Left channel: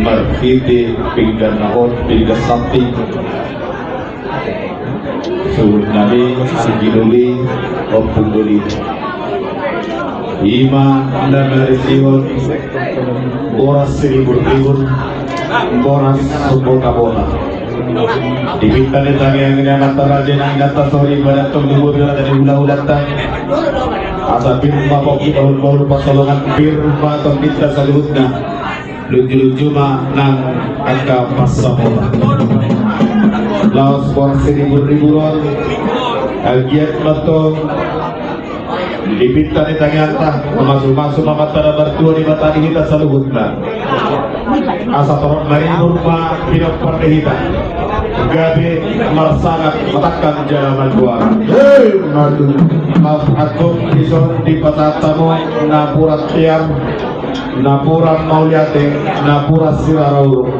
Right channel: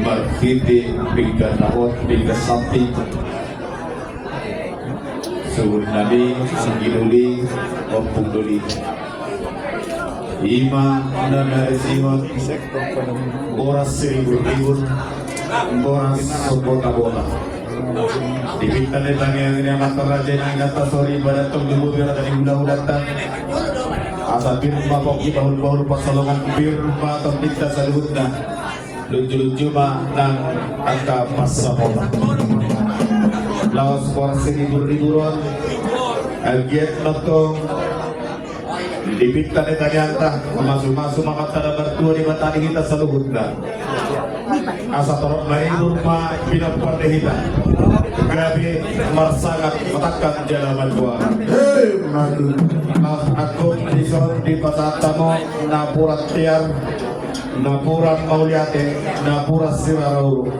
Markiti pinggan naon pinggan samping suhud nabi sigiduli opunduli ima anda merisihon boras siribur-ribur boras sebota-bota dibintang yang antara raja yang atas sore pada tunggu dari ulah-ulatan asa pinma poki baul-baul pasolongan firma atau kita saluhutna lucu-lucu mah nang angka pasamola laos boras siribur-riburon agiat matong dipinta ni tanyanta masuk-masuk mamatara bertua di batani kita saluhutna asa torong marinur ma pinokpan dehita gabi marsangat matakkan jalaman buara madu agung dison di patatamu napurat tiang napuran mauliate napurat sirarauru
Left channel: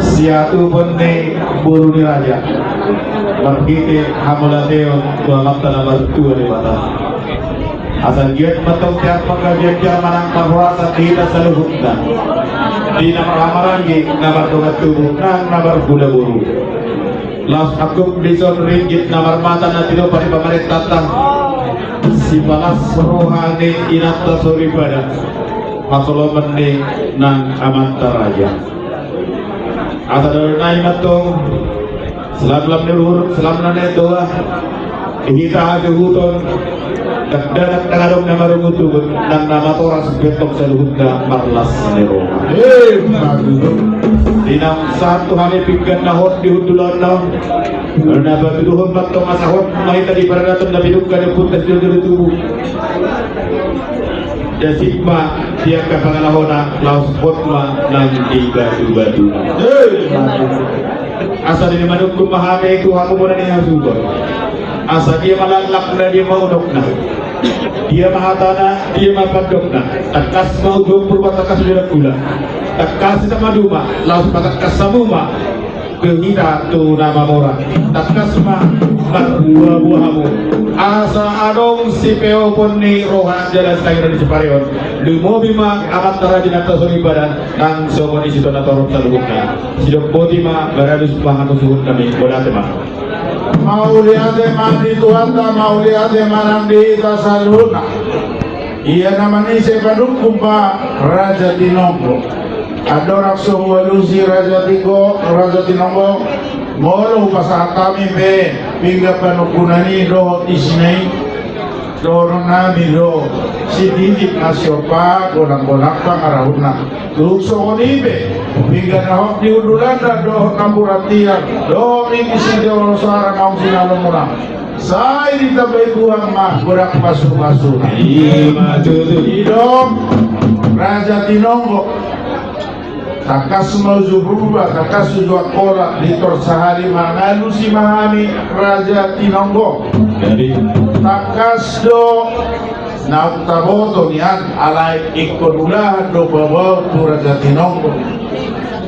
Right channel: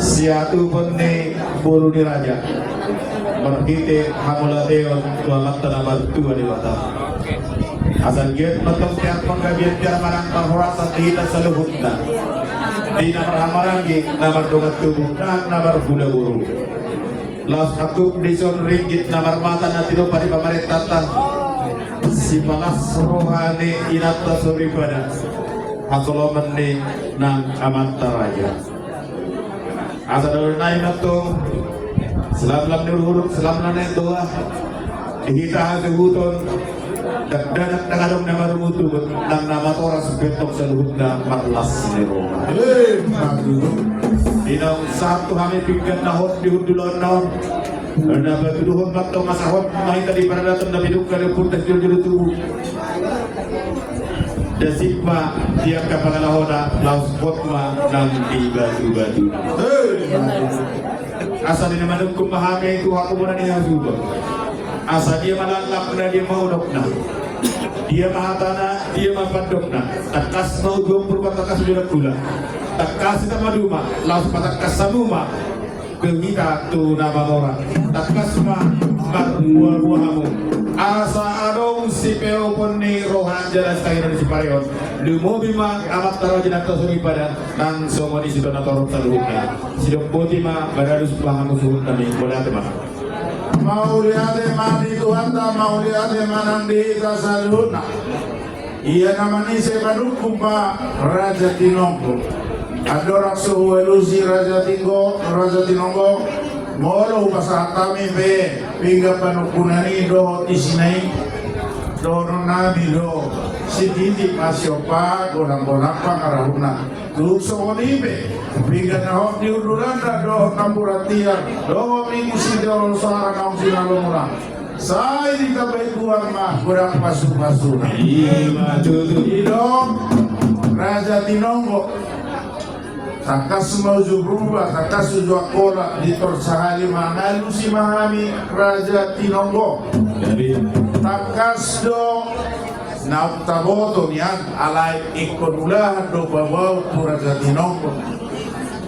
siatu bende buru ni raja berkite hamulateo dua mata nomor 2 di mata asal giat matang tiap pengkajian manang mahurasa tidak saluhutna di nomor hamarangi nomor dogat tubuh dan nomor kuda buru las agung dison ringgit nomor mata nanti do pada pemerintah tatang si balas rohani inata suribada pasoloman ni nang amanta raja asal naik matong selam nurur selam nane doa kita ada huton dan kadang nama rumutu dan nama toras betok saluhutna marlas nero dinam satu hari pinggan nahot di hudulan naon karena babiduhon matong masahot mai tadi paradatan na bidukkan pun terjudul tubuh jasikma dia kapangalahona laos hotma nang di batu-batu asal ini manukku pahami itu aku muna niya suba asal dia malalak na dia maunok na dia mahatana dia mapadok na takas mau jompur takas sudah gula takas itu maduma laos takas samuma kehina tu nama mora takas mah buah-buahamu asa adong si peo pun ni rohan jalan setengah di Separeon lumo bima amat tara jinata suri badan ang somoni situ na torok sa luhutna sidok boti ma baradus pahan suhut kami bolate ma mauliate mandi tuanta mauliate manandi tasaluna iya namani se padukkum pa Raja Tinonggo adorak suhualusi Raja Tinonggo molo pasah kami be pingga panukunani do isnei dorong nami do si titip nasiopa godang-godang pangarahuna duk sokoni be pingga nahok diudulanda do kampuratian do ini si dewa suara naung sinalomuna saya ditabai Tuhan mah godang pasuk-pasuk hidup Raja Tinonggo takas mauzu berubah takas sujua kola litor sahari mangalu si mahami Raja Tinonggo takas do nauk taboto nian alai ikodulahan do bawa tu Raja Tinonggo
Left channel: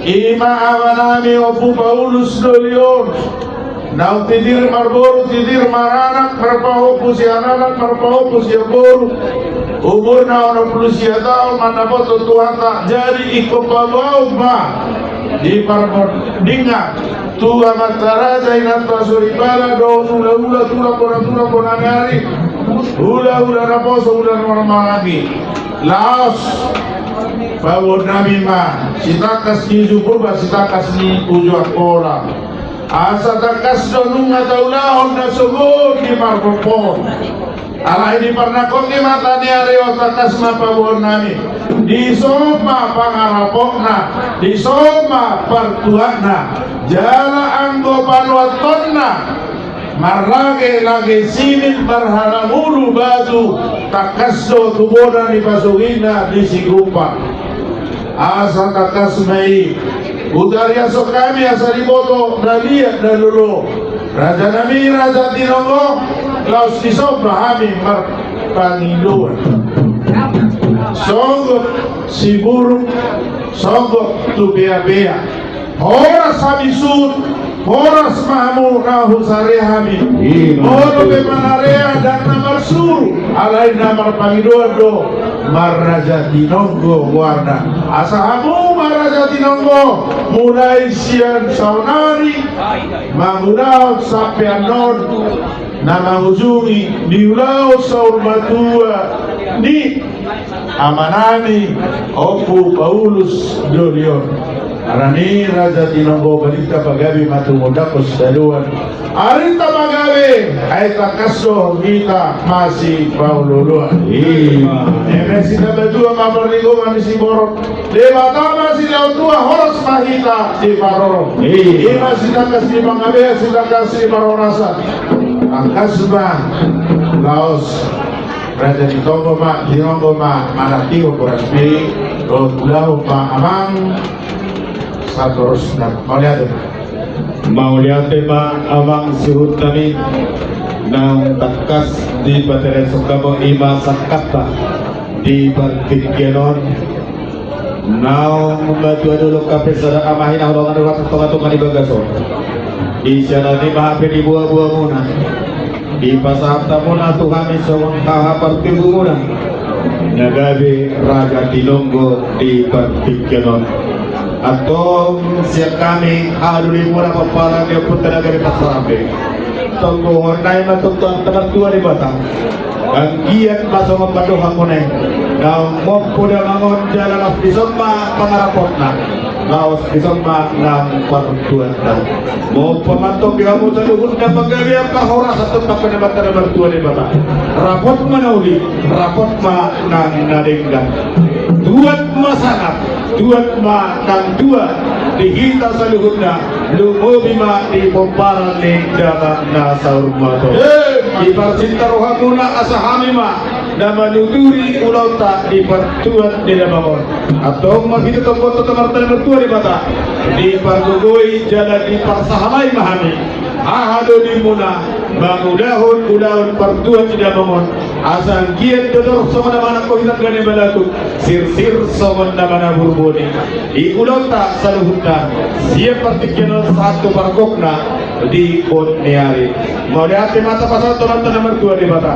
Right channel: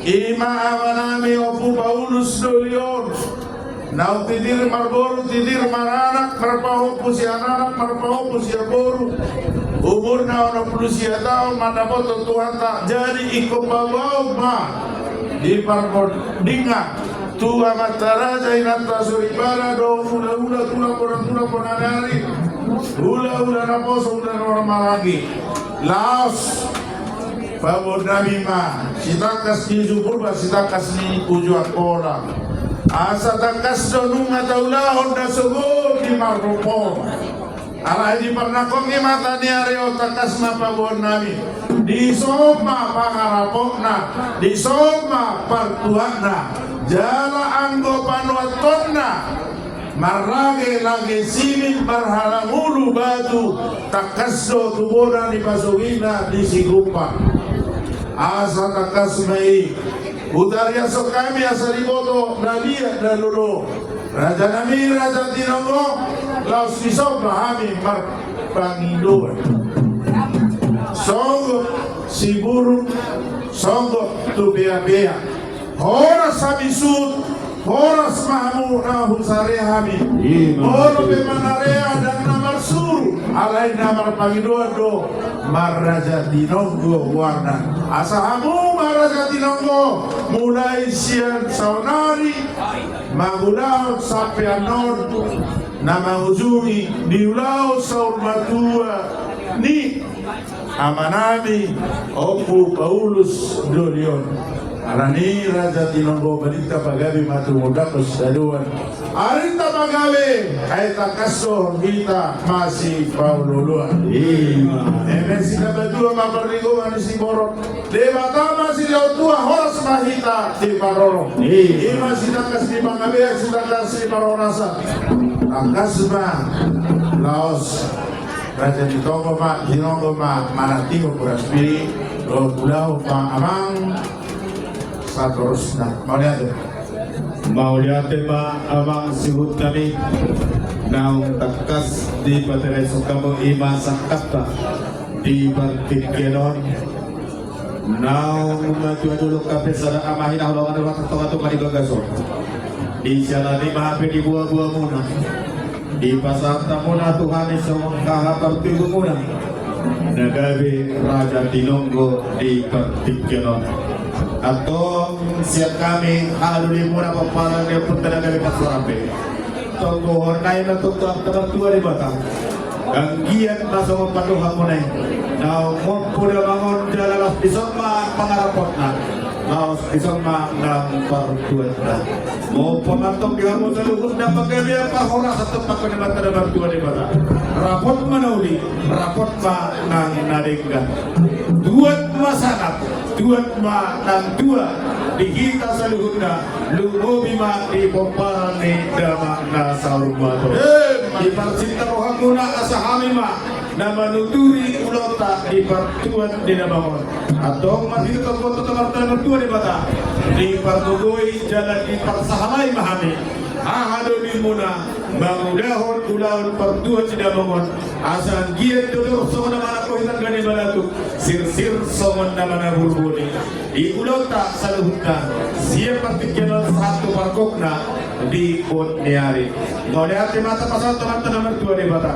ima amanami opu Paulus do lion nauk tidir marboru tidir maranak marpahopu si anak marpahopu si aboru umur na ono pulusia tahun mana foto Tuhan tak jadi ikut babau ma di parbon dinga Tuhan matara zainat pasuribara do ula kona nari ula raposo ula normal lagi laos babon nabi ma sitakas ni jupurba sitakas ni ujua kola asa takas donunga taulahon na subur di parbon Allah ini pernah koki mata ni areo takas mapabon nami di soma pangarapokna di soma pertuakna jala anggo panuatonna marlage lage simin barhalamulu batu takas do tubodan di pasugina di sigumpa asa takas mei utaria sokami asa diboto nabiya dalulu Raja Nabi Raja Tinonggo laos iso bahami marpangiluan sogok si buruk sogok tu bea-bea horas habisut horas mahmu nahu sarehami olo be manarea dan namar Maksud alay namar Panginoon do Maraja Tinonggo warna asahamu Maraja Tinonggo mulai siang saunari mangudao sampai anod na mangujungi diulau saur matua ni amanami Opo Paulus Dolion Arani Raja Tinonggo balita pagabi matungudakos daluan Arita pagabi ay takaso kita masih paululuan Eme sila badua mamarligo mani si borok Deba tama sila utua horos mahita di paroro Ima sila kasi mangabe sila kasi marorasa Ang kasba Laos Raja Tinonggo ma manatigo poraspi Rod ulau pa amang Sakoros na Mauliate ma amang suhut nami Nang takas di Batereso kamo ima sakata di Barkikyanon Nang membantu dulu kape sada amahin aholangan waktu tungan di bagaso Di sana ni mahape di buah-buah muna Di pasahapta muna tuhami sawang kahapar tibu muna Nagabi Raja Tinonggo di Barkikyanon atau siap kami aduli mula papala dia putra dari pasarambe tunggu hornai na tungtuan teman tua di batang ang giat masuk membantu hakuneng na mopoda mangon jalalas di semua pangarapot na laos di semua ng partuan na mo pamatong kamu sa luhur na paggabi ang kahora sa tumpak na bata na tua di batang rapot manauli rapot ma ng naringgan duat masanap Tuat ma nang dua dihita sa luhod na lumobi ma di bombaran ni dama na sa urmato di parsintaruhan muna asahami ma na manuturi ulaw ta di partuan di namangon atong mahito tong koto tamarta na magtua di bata di pargugoy jalan di parsahamay mahani ahado di muna mangulahon partuan di namangon asal giat dodor songon naman ako hitang gani balatu sir songon naman na burboni iulota sa luhut na siya partikyanon sa ato parkok na di on niyari mau ate mata pasal tolan naman tua di bata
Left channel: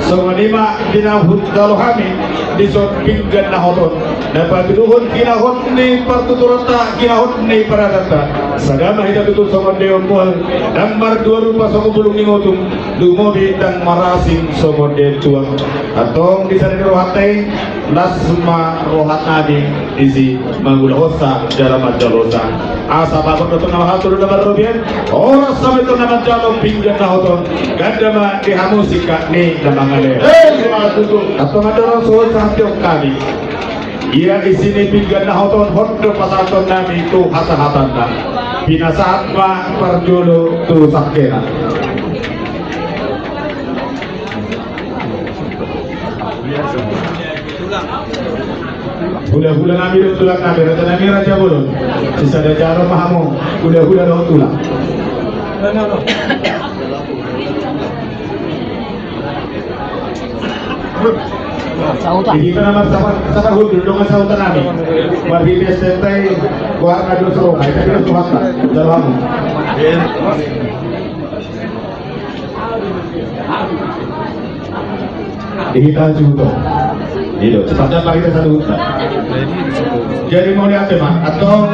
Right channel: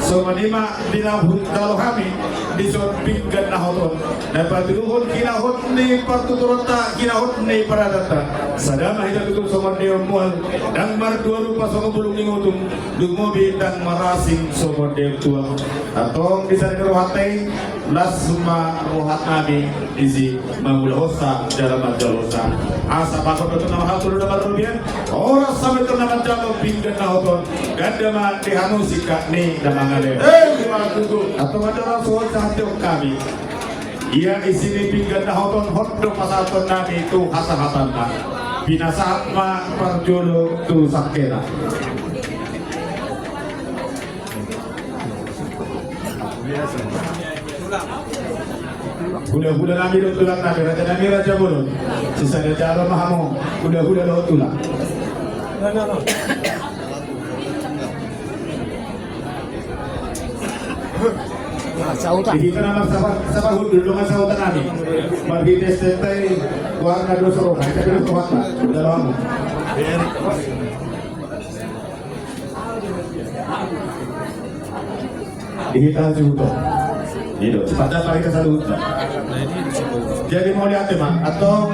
songon lima dinahut dalohami di son pinggan na hoton dapat diluhut kinahut ni partuturota kinahut ni paradata sadama hita betul songon deon mual dan mar dua rupa songon bulung ningotung lumobi dan marasin songon deon tuang atong bisa dirohatay lasma rohat nabi isi mangulahosa jalamat jalosa asa babon betul nama hatur dapat robian orang sampai tu nama jalom pinggan na hoton ganda ma dihamusika ni namangale atong ada orang soal sahatiok kami ia isini pinggan na hoton hondo pasaton nami tu hasahatan na pinasahat ma parjolo tu sakena hula-hula namin yung tulak namin at namin Raja Bulon si Sadajaro Mahamo hula-hula na tulak kita naman sa kahul dulungan sa utan namin marhites tentay kuhat na doon sa rokay tapi na kuhat na dalawa mo dihitaan si Hugo dito, cepatnya pak kita satu hutan jadi mau lihat ma atau